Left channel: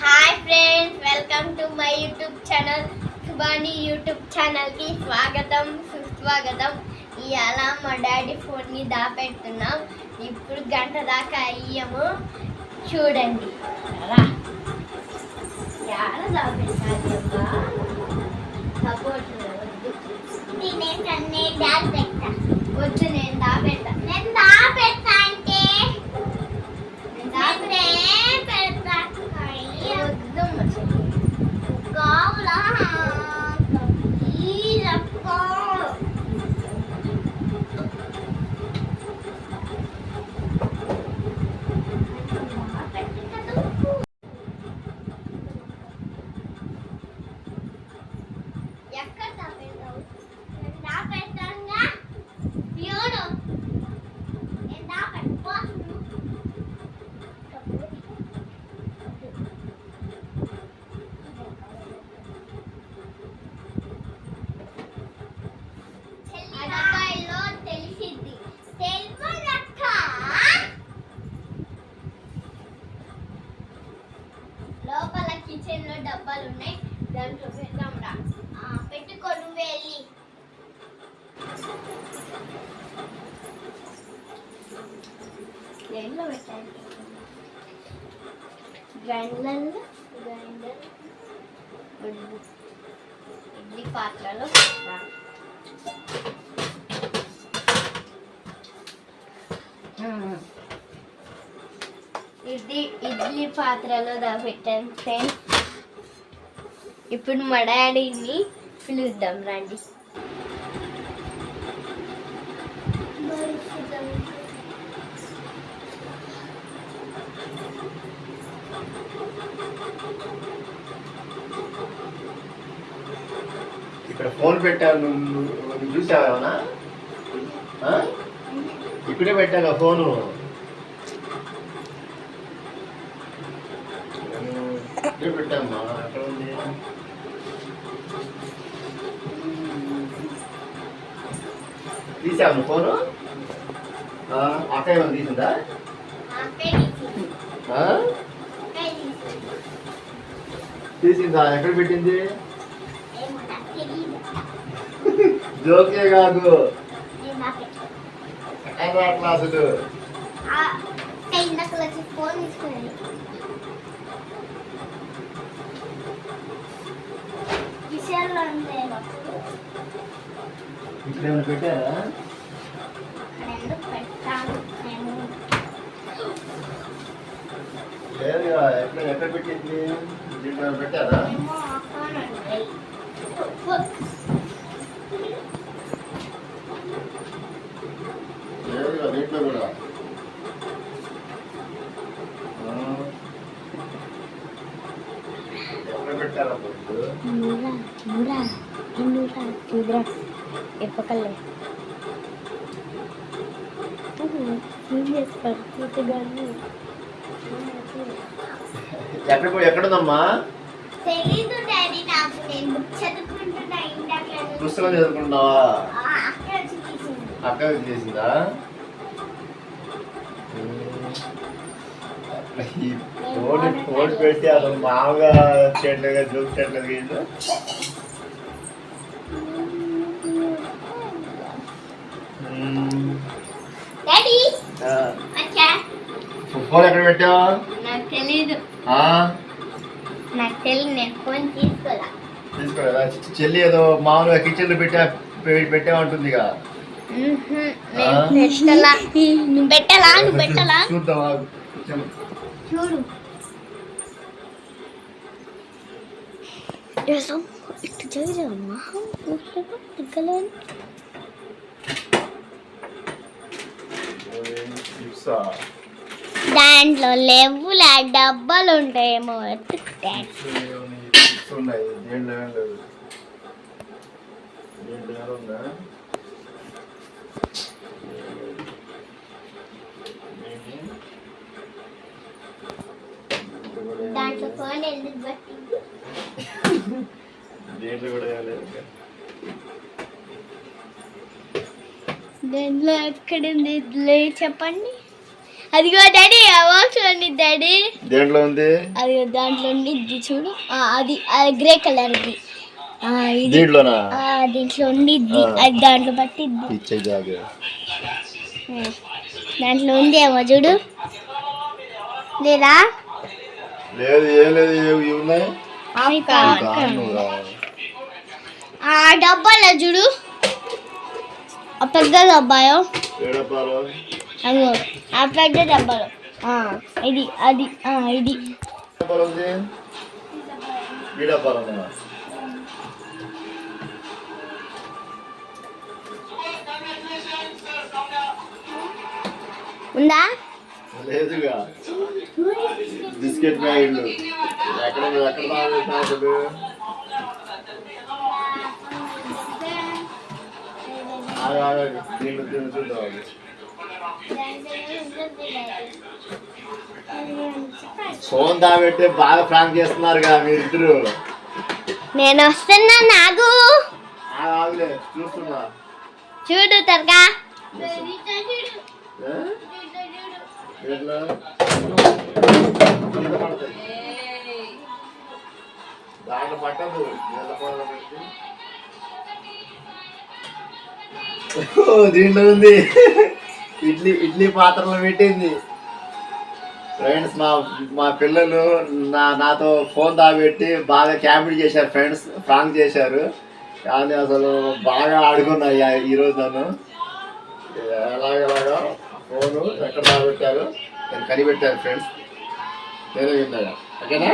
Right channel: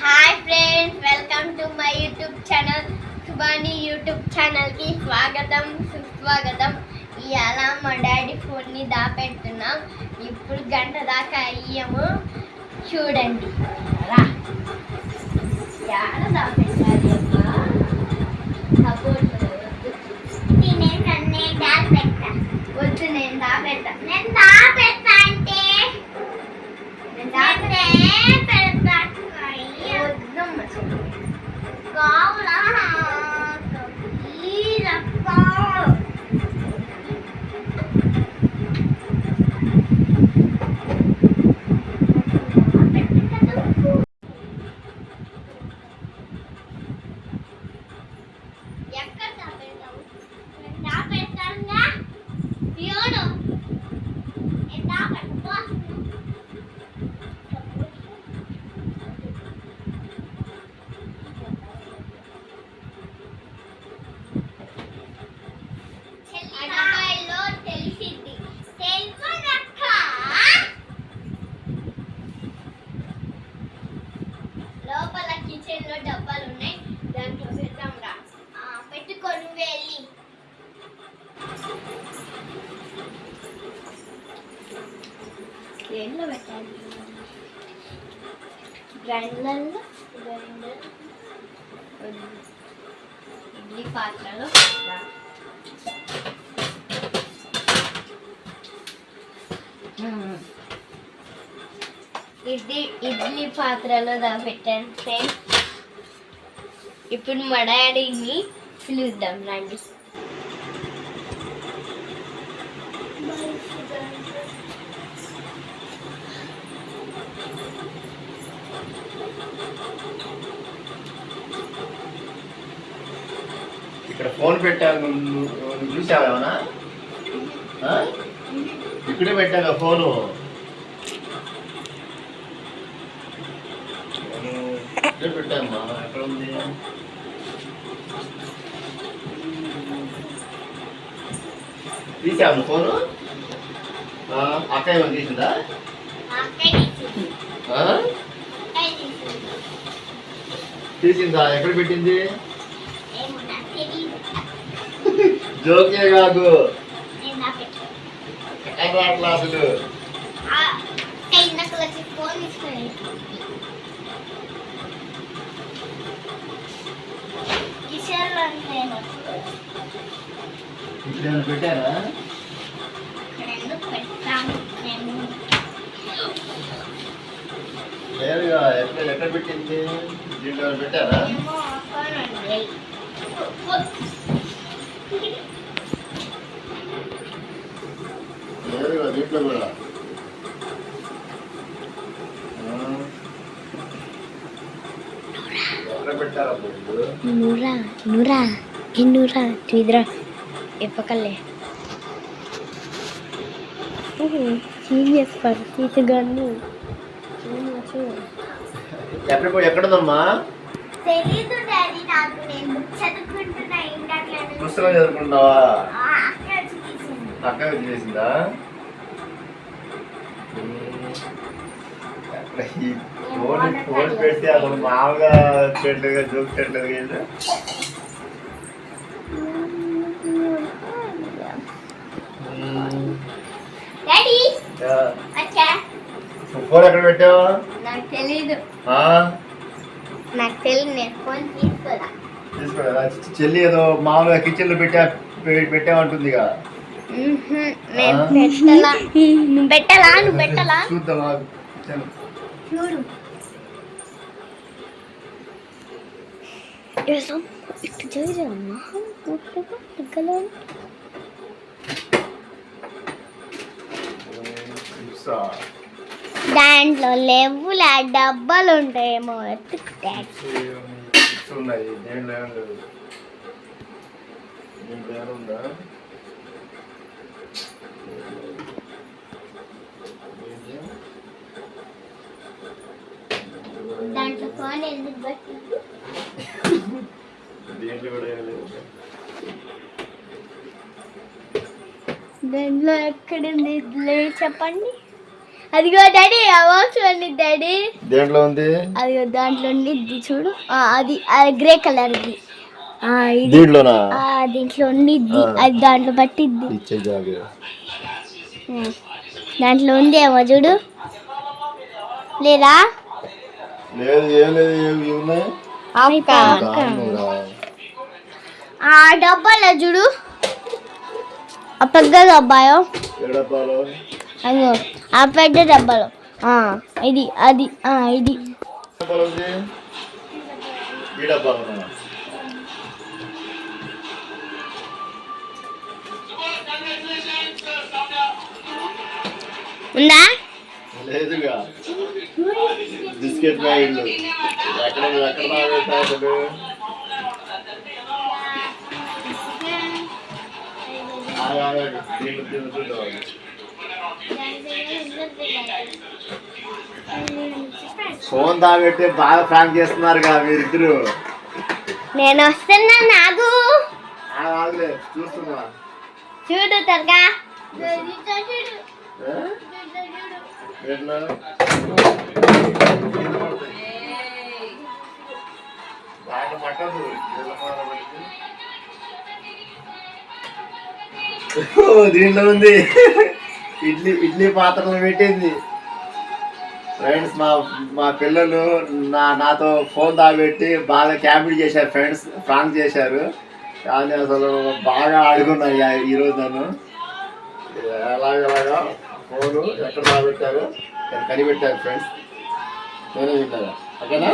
Hi friends welcome to my YouTube channel Shubhani YouTube ఛానల్కి స్వాగతం సుస్వాగతం. ఇవాళ మా డాడీ ఫోన్ని దాపెడుతున్నాం. ఇప్పుడు గంట దాకా అయ్యాము. చూడండి. రా దాపెట్టాలి అబ్బా? సపోర్ట్. వద్దు దాపెడతానుగా పియోను నేను దాపెట్టుకో అడగాయిలో తెలిసిద్ది తెలుపనక్క లోపల కిచెన్లో డబ్బాలు ఉన్నాయి దాంట్లో పెడతాం రా ఆ, పెట్టుకో నువ్వే వెళ్ళి దేంట్లో పెట్టాలి. గ్రైండర్లో గ్రైండర్ ఇడ్లీ పాత్రలో రా. ఇడ్లీ ఇడ్లీ పాత్రలో దా పెట్టాను సేమ్. ఇప్పుడు మా డాడీని పిలుద్దాం రండి. ఇక్కడ ఫోన్ పెట్టాను నువ్వు నువ్వు చూసావా ఏమన్నా? ఆ? ఇక్కడే పెట్టాగా ఫోను? ఇక్కడే పెట్టామ్మా ఎక్కడ ఉంది. నువ్వు ఫోను? ఆ, అక్క ఏమైనా తీసిందా? తీసిందా? ఎక్కడ పెట్టింది? జోకే కాదు క్లాసులు? కిషోర్లో అంతే ఇక్కడ ఏమైనా పెట్టారా? లేదుగా ఎక్కడ ఎక్కడ పెట్టింది? దీంట్లో పెట్టారా ఏమో ఆపనండి. లేదుగా దీంట్లో కూడా. నూరా ఎప్పకల్లే సీరియస్ పరిస్థితి గన్ను ఎక్కడ పోయి ఎక్కడుందమ్మా? తెలీదు డాడీ నాకు నేను బుక్ చదువుకుంటున్నా ఇందాక పుస్తకం చదువుకుంటున్నావా? చేసిందా ఈ ఫోన్ ఫోన్ పెడితే అసలు మామూలుగా చేయట్లేదు డాడీ వచ్చా ఫోన్ ఎక్కడ పెట్టావా? తీసుకోలేదా? చెల్లి ఏదో మామూలుగా కిచెన్లో పెట్టా పె- పెట్టామంటుందిగా. నేను పెట్టలా. నువ్వు పెట్టలా నువ్వు పెట్టలా. చూడు. ఇటు చూడమ్మా ఎక్కలేను దాంట్లో లేవులా డబ్బాలు ఉంటాయేమో వెతుకుతే. ఉన్నాయి దేంట్లో ఏం లేదు దేంట్లో ఏమైనా ఉందా? దాంట్లో ఫోన్ ఎందుకు బట్టి దేంట్లో కూడా ఏం లేదు దాంట్లో ఎక్కడుంది లే చెప్పండి. అదిగో డాడీ ఉంది డాడీ. దేంట్లో ఉంది? అదిగో దాంట్లో ఉండిద్ది చూడు. అది గ్రే కలర్ది. దీంట్లోనా? ఆ, దీంట్లో ఉండిద్ది. అది దాంట్లో పట్టిద్ది. ఇచ్చే జాగు ఉమ్. దాంట్లో ఉంది ఏమో చూడు. లేదా? లేదు ఏం లేదు ఏవి ఇవి ఉన్నాయి? దాంట్లోనా? ఆ డబ్బాలో చూడు. ఆ పెద్ద డబ్బాలో? అదిగో ఆ పెద్ద డబ్బాలో. ఆ, ఇది అది ఆ, ఇది. డబ్బాలో ఉంది? లేదుగా. బిస్కెట్ ప్యాకెట్లు ఎక్కడ ఎక్కడ బాగా చూద్దాం ఫోన్ దాబెట్టి బాగా ప్రాంక్ చేస్తున్నారు కదా మీరిద్దరు. నేను వస్తున్నా ఆగులే. చూస్తున్నా. చూడు త్వరగా. ఏ? ఎట్లా? పట్టదు ఓ, దీంట్లో ఉంది. ఇడ్లీ ఇడ్లీ పాత్రలో పెట్టింది. ఫ్రెండ్స్ మా మా పిల్లలు నా నాతో ఫోన్ దాబెట్టి బాగా క్యాబిడ్ చేశారు ఫ్రెండ్స్ ఫ్రాంక్ చేశారు. కానీ అసలు బాగా ఆడుకున్నాయి ఈరోజు నన్ను. ఎలాగలాగా ఫోను ఎక్కడ దాబెట్టారు నేను కనిపెట్టాను ఫ్రెండ్స్ నేనే విన్నాగా. ఓకేనా.